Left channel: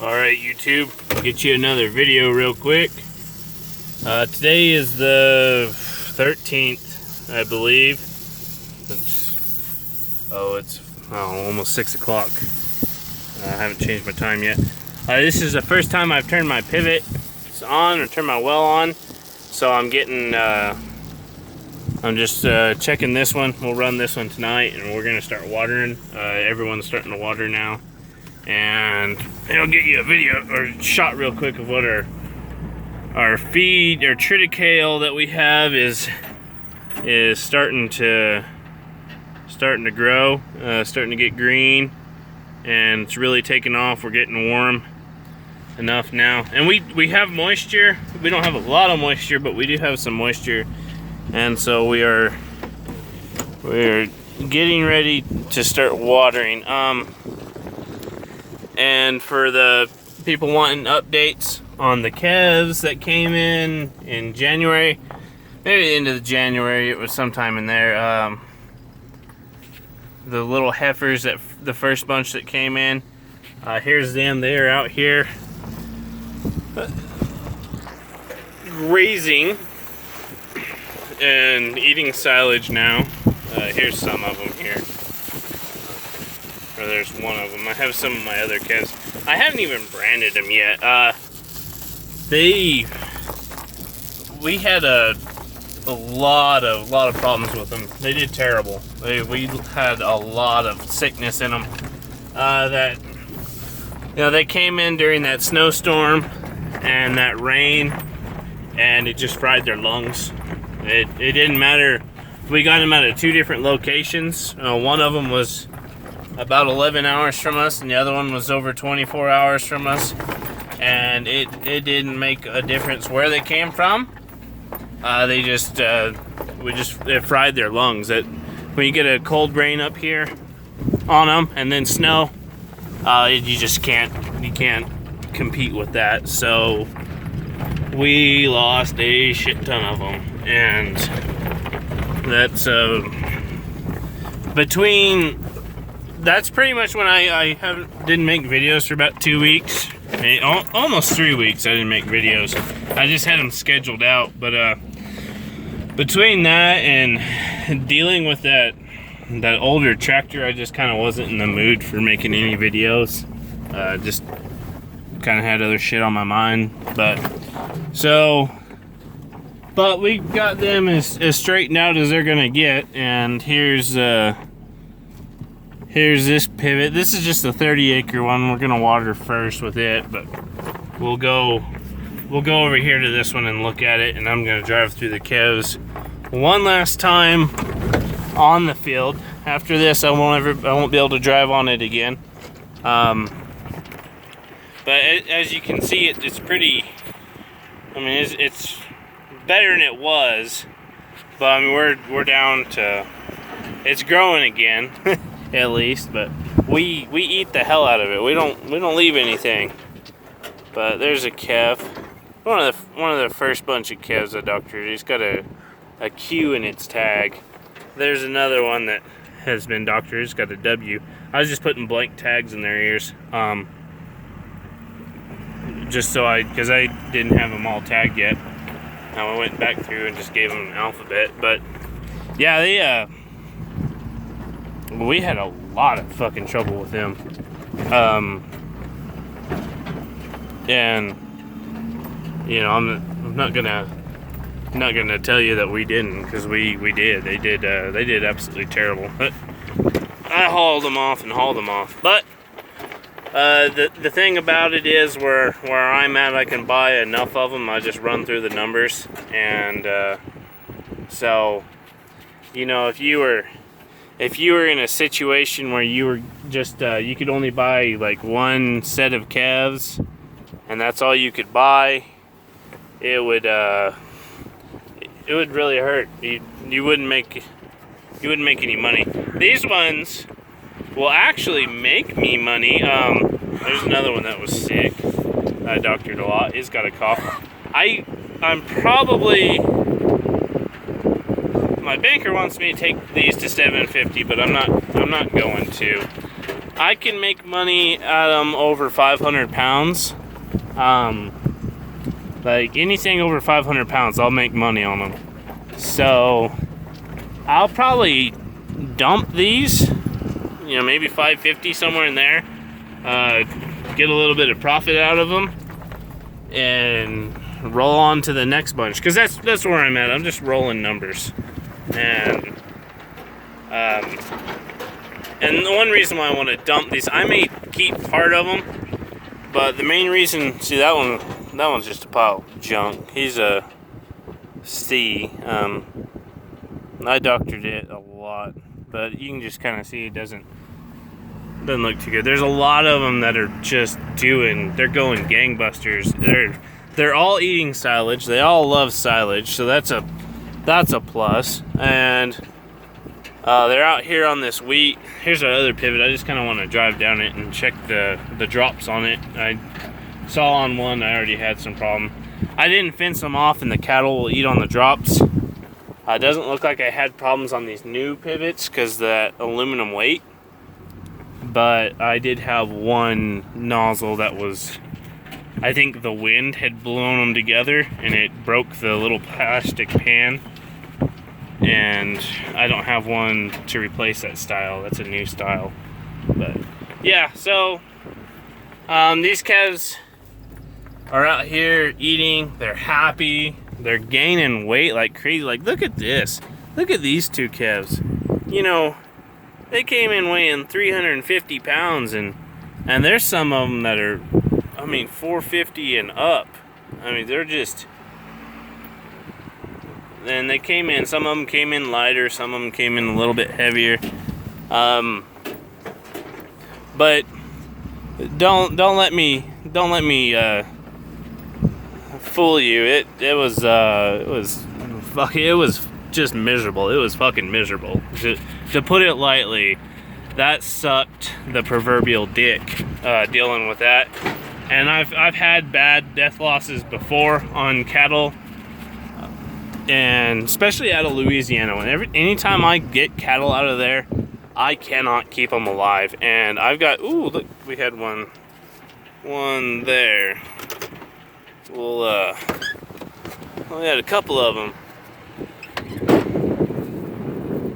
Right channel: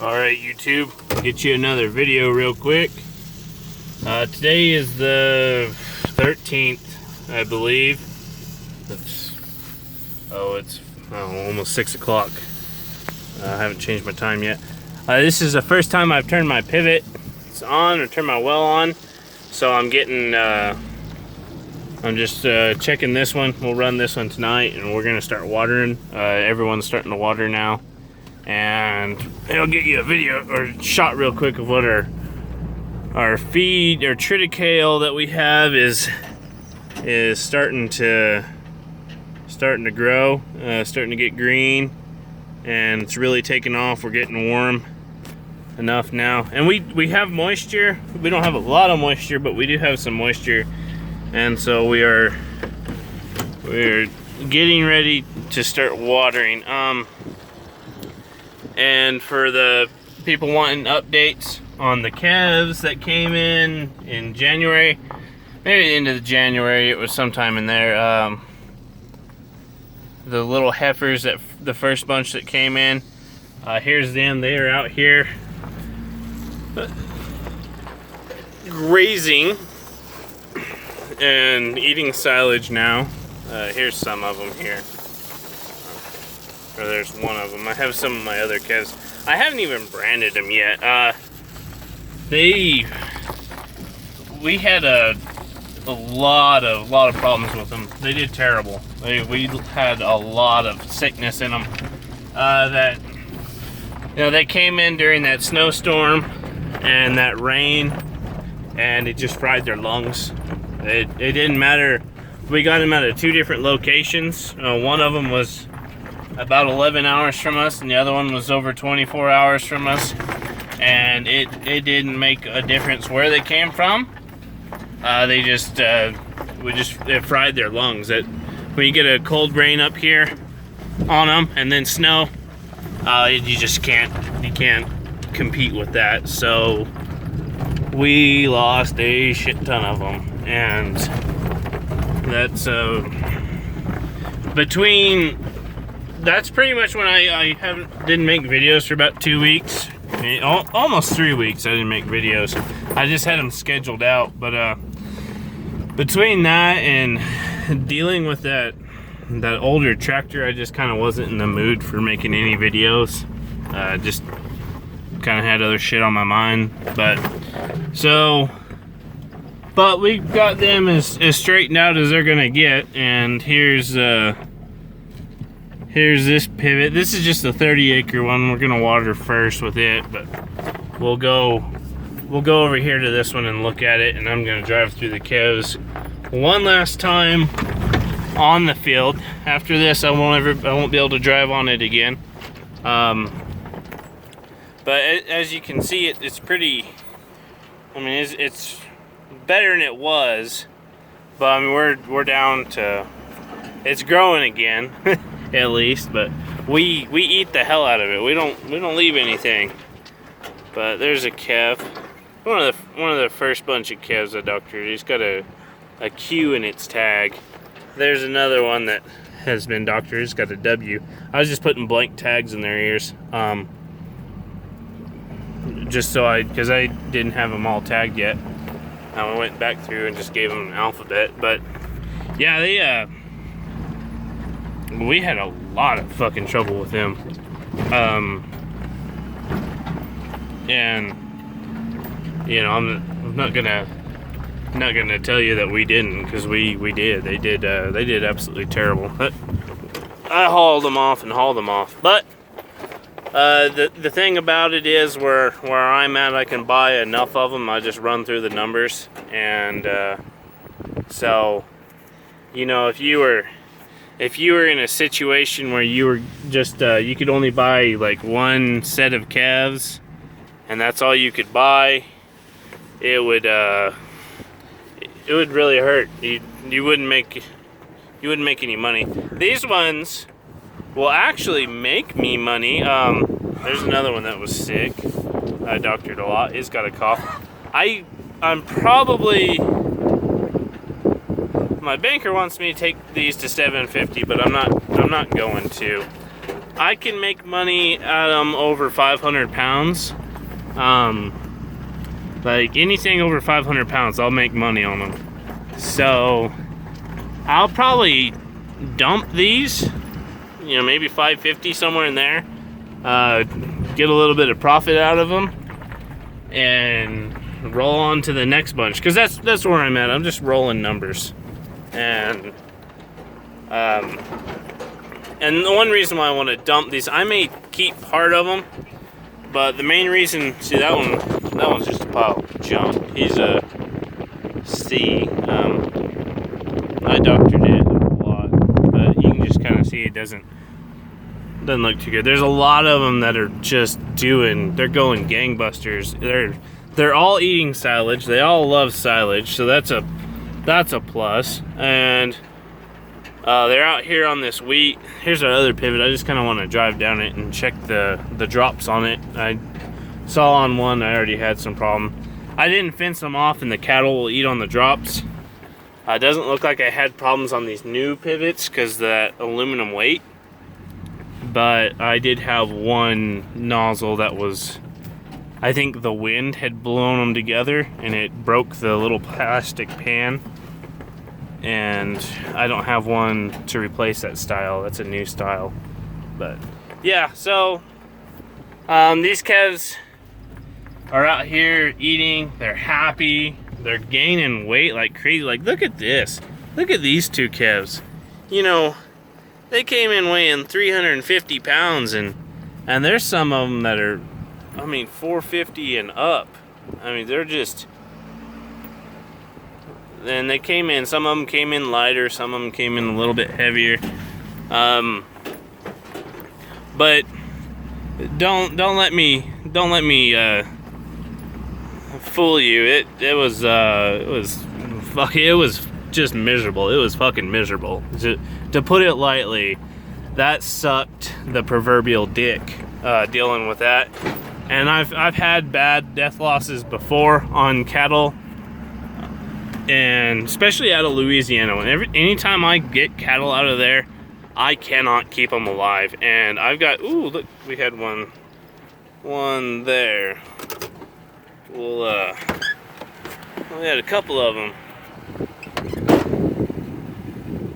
Alright YouTube, I'll get you another video real quick. Today is the 13th, I believe. It's almost 6 o'clock. I haven't changed my time yet. This is the first time I've turned my pivot on or turned my well on. So I'm getting, I'm just checking this one. We'll run this one tonight and we're gonna start watering. Everyone's starting to water now. And I'll get you a video or shot real quick of what our feed, our triticale that we have is starting to grow, starting to get green, and it's really taking off. We're getting warm enough now, and we have moisture. We don't have a lot of moisture, but we do have some moisture, and so we're getting ready to start watering. And for the people wanting updates on the calves that came in January, maybe the end of January, it was sometime in there. The little heifers, that the first bunch that came in, here's them. They are out here grazing and eating silage now. Here's some of them here. Or there's one of them. I have some of my other calves. I haven't even branded them yet. We had a lot of problems with them. They did terrible. We had a lot of sickness in them. They came in during that snowstorm and that rain, and it just fried their lungs. It didn't matter. We got them out of two different locations. One of them was about 11 hours from us, and the other one was over 24 hours from us, and it didn't make a difference where they came from. It fried their lungs. When you get a cold rain up here on them and then snow, you can't compete with that. So we lost a shit ton of them, and that's that's pretty much when I didn't make videos for about 2 weeks. Almost 3 weeks I didn't make videos. I just had them scheduled out. But between that and dealing with that older tractor, I just kind of wasn't in the mood for making any videos. Just kind of had other shit on my mind. But we got them as straightened out as they're gonna get. And here's this pivot. This is just a 30-acre one. We're gonna water first with it, but we'll go over here to this one and look at it, and I'm gonna drive through the calves one last time on the field. After this, I won't be able to drive on it again. But as you can see, it's pretty. I mean, it's better than it was, but I mean, we're down to. It's growing again. At least, but we eat the hell out of it. We don't leave anything. But there's a calf, one of the first bunch of calves I doctored. He's got a Q in its tag. There's another one that has been doctored. It's got a W. I was just putting blank tags in their ears, just because I didn't have them all tagged yet. I went back through and just gave them an alphabet. But yeah, we had a lot of fucking trouble with them. And I'm not gonna tell you that we didn't, because we did. They did absolutely terrible. But I hauled them off. But the thing about it is, where I'm at, I can buy enough of them. I just run through the numbers, and so if you were in a situation where you were just you could only buy like one set of calves, and that's all you could buy, it would really hurt. You wouldn't make any money. These ones will actually make me money. There's another one that was sick. I doctored a lot. He's got a cough. I'm probably. My banker wants me to take these to 750, but I'm not going to. I can make money at them over 500 pounds. Like anything over 500 pounds, I'll make money on them. So I'll probably dump these, you know, maybe 550 somewhere in there. Get a little bit of profit out of them, and roll on to the next bunch. Because that's where I'm at. I'm just rolling numbers, and the one reason why I want to dump these, I may keep part of them, but the main reason, see that one's just a pile of junk. He's a C. I doctored it a lot, but you can just kind of see it doesn't look too good. There's a lot of them that are just they're going gangbusters. They're all eating silage. They all love silage, so that's a plus. And they're out here on this wheat. Here's our other pivot. I just kind of want to drive down it and check the drops on it. I saw on one I already had some problem. I didn't fence them off, and the cattle will eat on the drops. It doesn't look like I had problems on these new pivots because that aluminum weight. But I did have one nozzle that was, I think the wind had blown them together and it broke the little plastic pan. And I don't have one to replace that style. That's a new style. But yeah, so these calves are out here eating. They're happy. They're gaining weight like crazy. Like, look at this. Look at these two calves. You know, they came in weighing 350 pounds, and there's some of them that are, I mean, 450 and up. I mean, they're just, and they came in, some of them came in lighter, some of them came in a little bit heavier. But don't let me fool you. It was just miserable. It was fucking miserable. To put it lightly, that sucked the proverbial dick, dealing with that. And I've had bad death losses before on cattle, and especially out of Louisiana. Anytime I get cattle out of there, I cannot keep them alive. And I've got, ooh, look, we had one there. Well, we had a couple of them.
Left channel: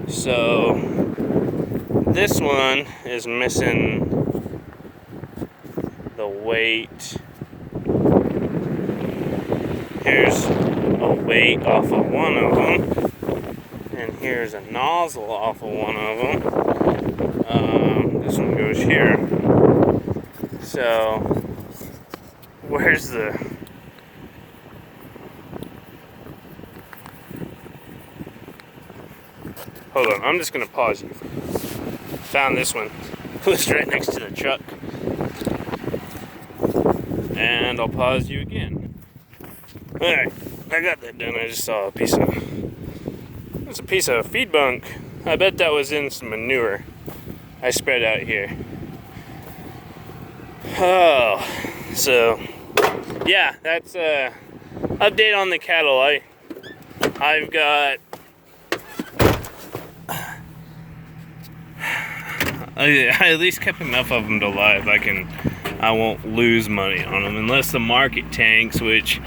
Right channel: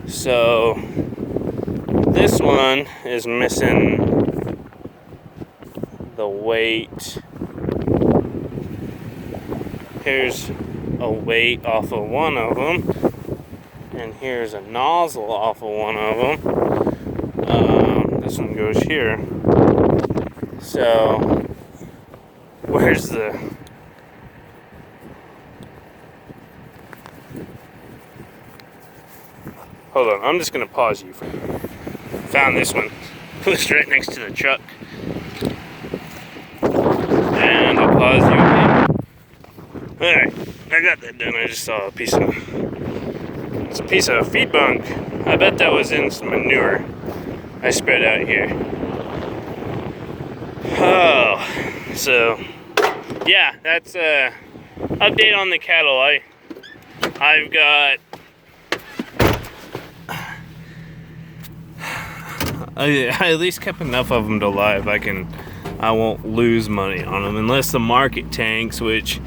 So this one is missing the weight. Here's a weight off of one of them, and here's a nozzle off of one of them. This one goes here. So where's the, hold on, I'm just gonna pause you. Found this one. It was right next to the truck. And I'll pause you again. Alright, I got that done. I just saw it's a piece of feed bunk. I bet that was in some manure I spread out here. Oh, so yeah, that's a update on the cattle. I've got, I at least kept enough of them to live. I won't lose money on them unless the market tanks, which,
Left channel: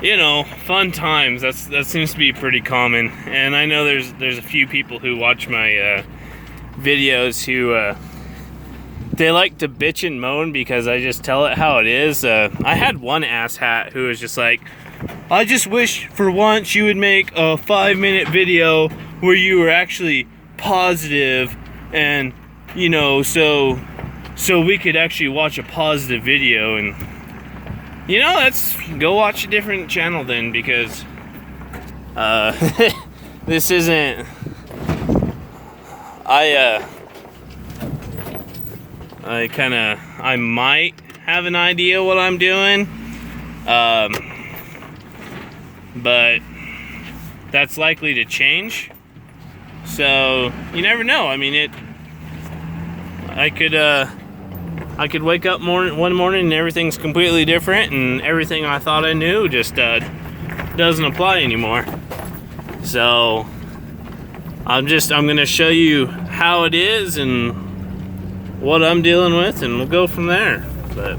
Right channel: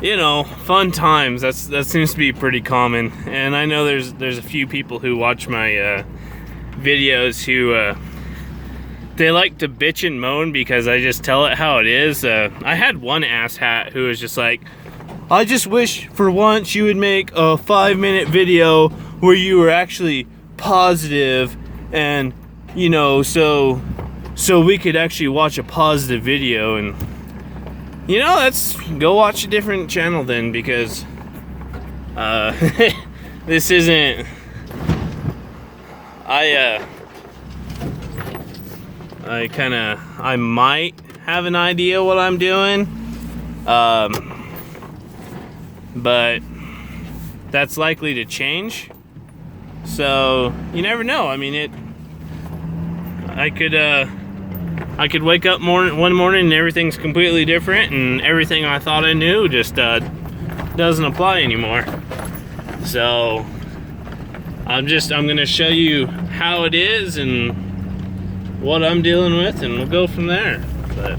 you know, fun times. That seems to be pretty common. And I know there's a few people who watch my videos who they like to bitch and moan because I just tell it how it is. I had one asshat who was just like, I just wish for once you would make a 5-minute video where you were actually positive, and you know, so we could actually watch a positive video. And you know, let's go watch a different channel then, because this isn't, I might have an idea what I'm doing, but that's likely to change. So you never know. I mean, I could wake up one morning and everything's completely different, and everything I thought I knew just doesn't apply anymore. So I'm gonna show you how it is, and what I'm dealing with, and we'll go from there. But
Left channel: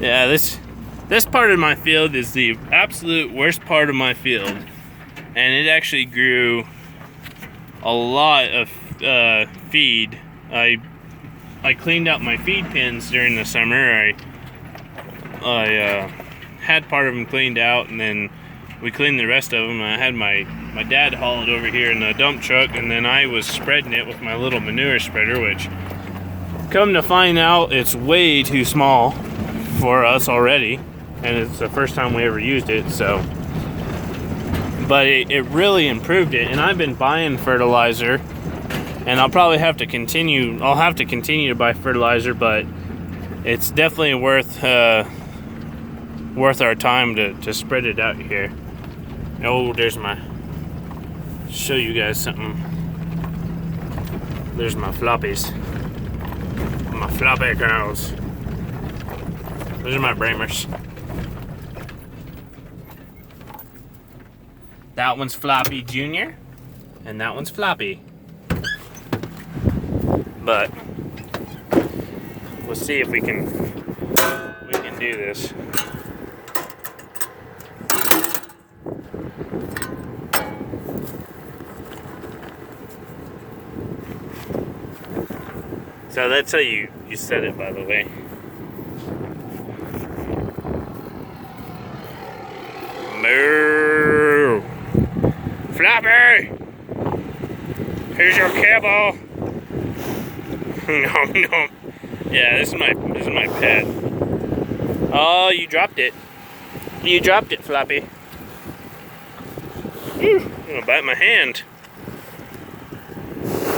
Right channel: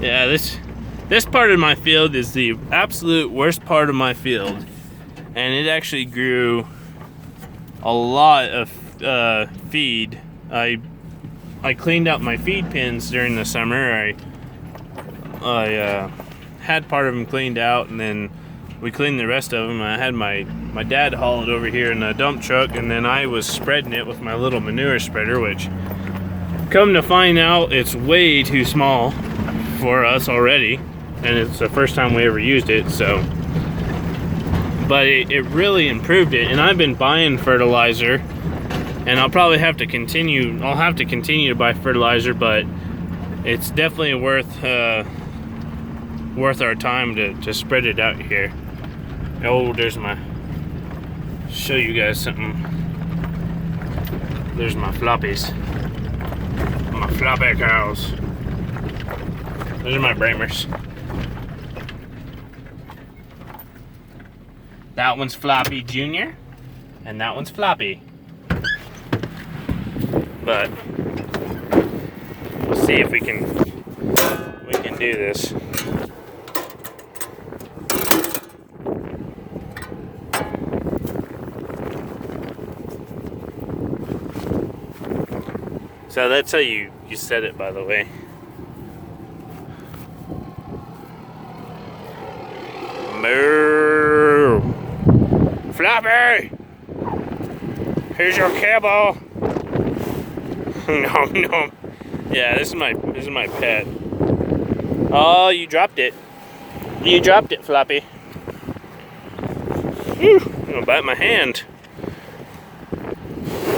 yeah, this part of my field is the absolute worst part of my field, and it actually grew a lot of feed. I cleaned out my feed pins during the summer. I had part of them cleaned out, and then we cleaned the rest of them. I had my dad haul it over here in a dump truck, and then I was spreading it with my little manure spreader, which, come to find out, it's way too small for us already, and it's the first time we ever used it. So, but it really improved it, and I've been buying fertilizer, and I'll probably have to continue. I'll have to continue to buy fertilizer, but it's definitely worth our time to spread it out here. Oh, there's my. Show you guys something. There's my floppies. My floppy cows. Those are my Bramers. That one's Floppy Jr. and that one's Floppy. But we'll see if we can do this. So that's how you set it, by the way. Moo! Floppy! Here's your kibble! No, no. Yeah, this is my pet. Oh, you dropped it. You dropped it, Floppy. You're gonna bite my hand.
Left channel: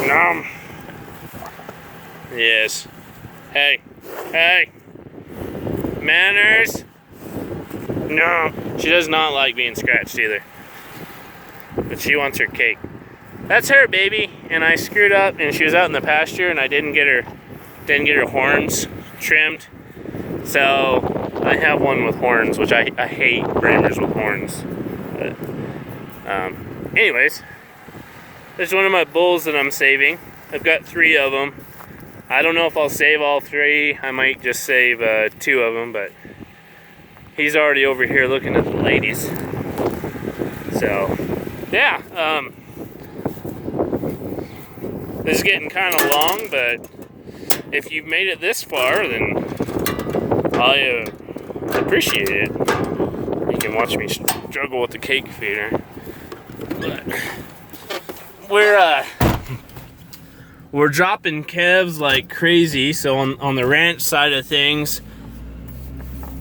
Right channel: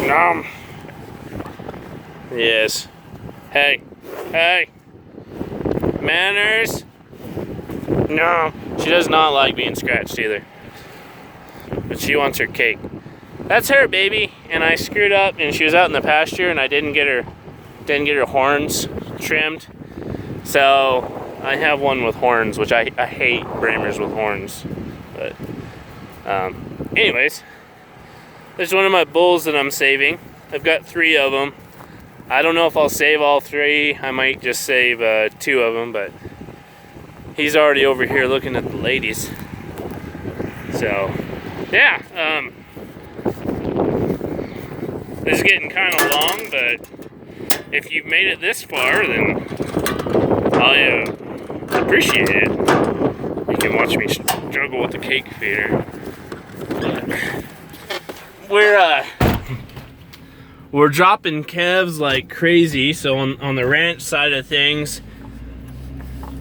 Nom. Yes. Hey. Hey. Manners. No. She does not like being scratched either. But she wants her cake. That's her, baby. And I screwed up, and she was out in the pasture, and I didn't get her horns trimmed. So I have one with horns, which I hate Bramers with horns. But anyways, there's one of my bulls that I'm saving. I've got 3 of them. I don't know if I'll save all 3. I might just save 2 of them, but he's already over here looking at the ladies. So, yeah. This is getting kind of long, but if you've made it this far, then I appreciate it. You can watch me struggle with the cake feeder. We're dropping calves like crazy. So on the ranch side of things,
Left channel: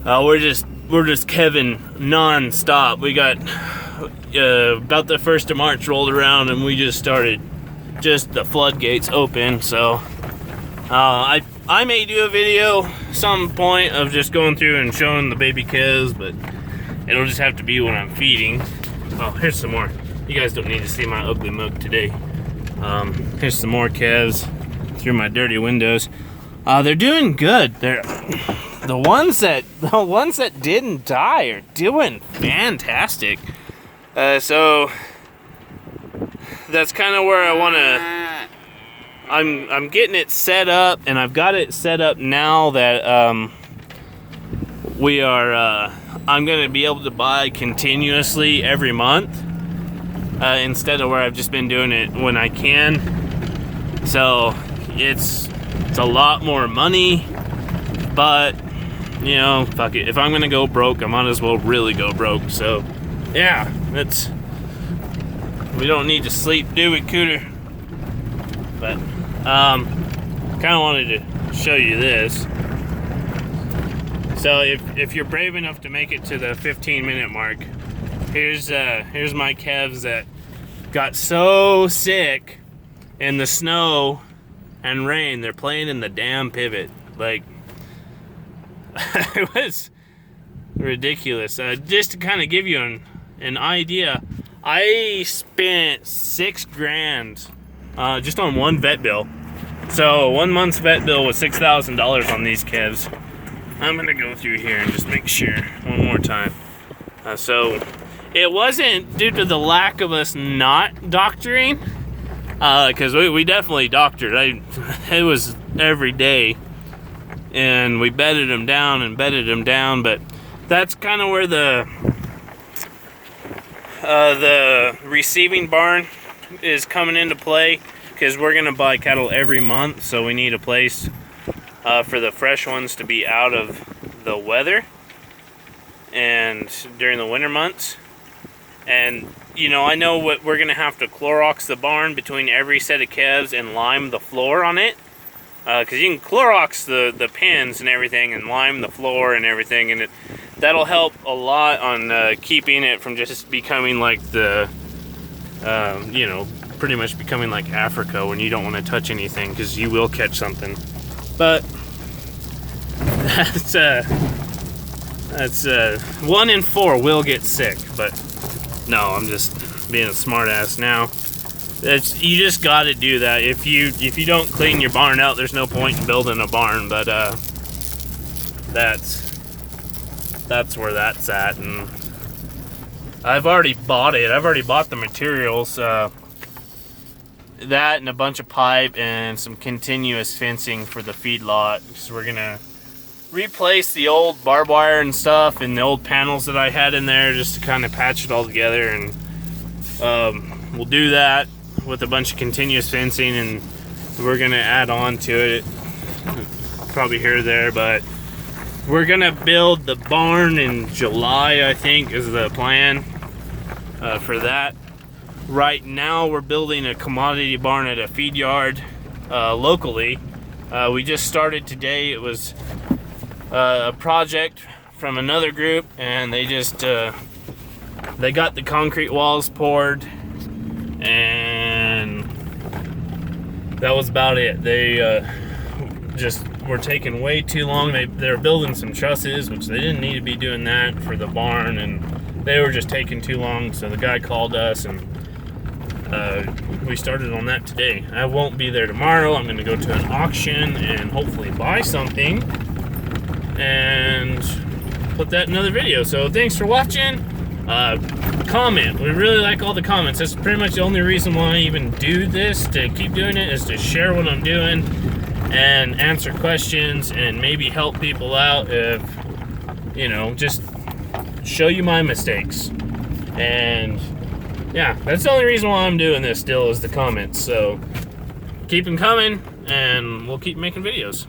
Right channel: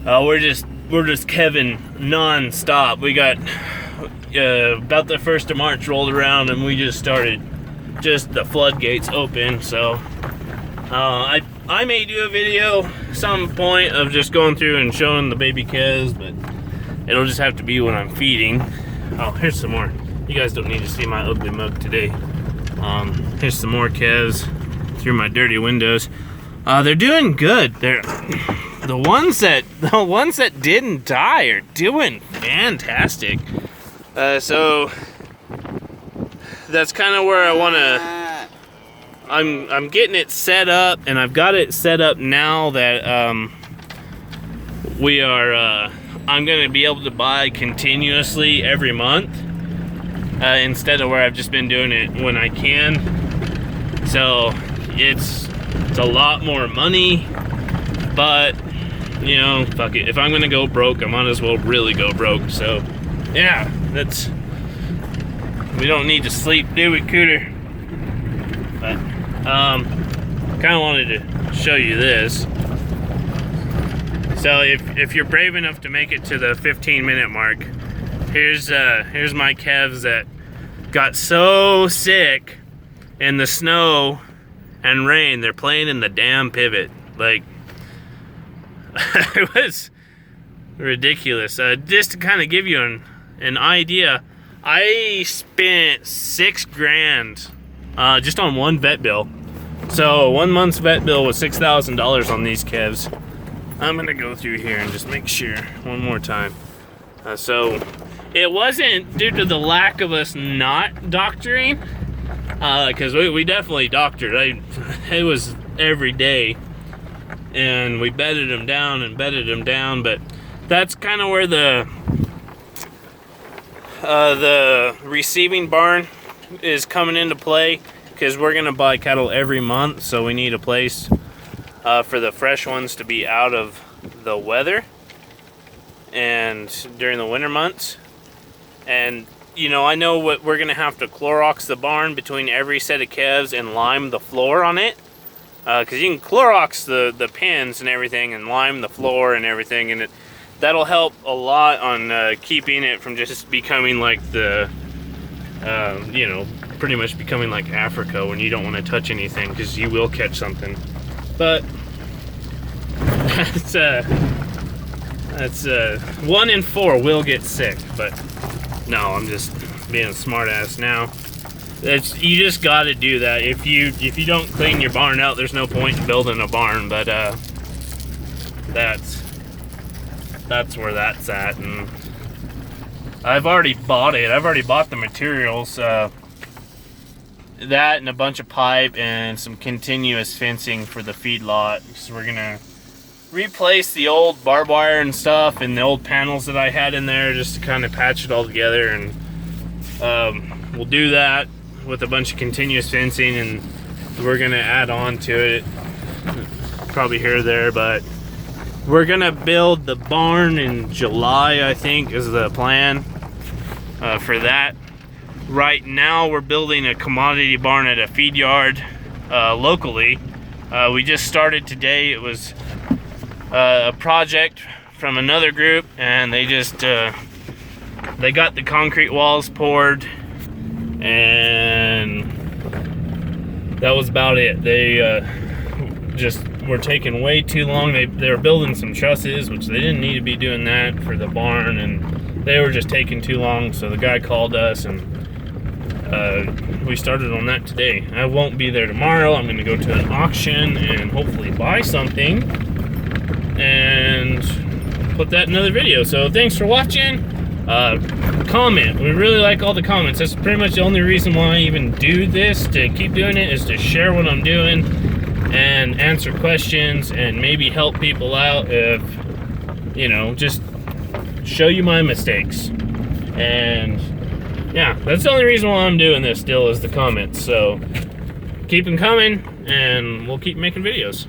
we're just calving non-stop. We got about the 1st of March rolled around, and we just started the floodgates open. So I may do a video some point of just going through and showing the baby calves, but it'll just have to be when I'm feeding. Oh, here's some more. You guys don't need to see my ugly mug today. Here's some more calves through my dirty windows. They're doing good. The ones that didn't die are doing fantastic. So that's kind of where I want to. I'm getting it set up, and I've got it set up now that we are. I'm going to be able to buy continuously every month. Instead of where I've just been doing it when I can. So it's a lot more money, but you know, fuck it. If I'm gonna go broke, I might as well really go broke. So yeah, we don't need to sleep, do we, Cooter? But kind of wanted to show you this. So if you're brave enough to make it to the 15-minute mark, here's my calves that got so sick in the snow and rain. They're playing in the damn pivot. Like, it was ridiculous. Just to kind of give you an idea, I spent $6,000 just on one vet bill. So 1 month's vet bill was $6,000 on these calves. I'm gonna go through here and just make sure one more time. So it wasn't due to the lack of us not doctoring. Because we definitely doctored. It was every day, and we bedded them down and bedded them down. But that's kind of where the receiving barn is coming into play, because we're gonna buy cattle every month, so we need a place for the fresh ones to be out of the weather and during the winter months. And you know, I know what we're gonna have to Clorox the barn between every set of calves and lime the floor on it, because you can Clorox the pins and everything and lime the floor and everything, and that'll help a lot on keeping it from just becoming like the you know, pretty much becoming like Africa, when you don't want to touch anything because you will catch something. But that's 1 in 4 will get sick. But no, I'm just being a smart ass now. You just got to do that. If you don't clean your barn out, there's no point in building a barn. But that's where that's at. And I've already bought it. I've already bought the materials. That and a bunch of pipe and some continuous fencing for the feedlot. So we're gonna replace the old barbed wire and stuff and the old panels that I had in there, just to kind of patch it all together. And we'll do that with a bunch of continuous fencing, and we're gonna add on to it probably here or there. But we're gonna build the barn in July, I think, is the plan for that. Right now we're building a commodity barn at a feed yard locally. We just started today. It was a project from another group, and they just they got the concrete walls poured, and that was about it. They just were taking way too long. They were building some trusses, which they didn't need to be doing that for the barn, and they were just taking too long. So the guy called us, and we started on that today. I won't be there tomorrow. I'm going to go to an auction and hopefully buy something and put that in another video. So thanks for watching. Comment. We really like all the comments. That's pretty much the only reason why I even do this, to keep doing it, is to share what I'm doing and answer questions and maybe help people out, if, you know, just show you my mistakes. And yeah, that's the only reason why I'm doing this still, is the comments. So keep them coming, and we'll keep making videos.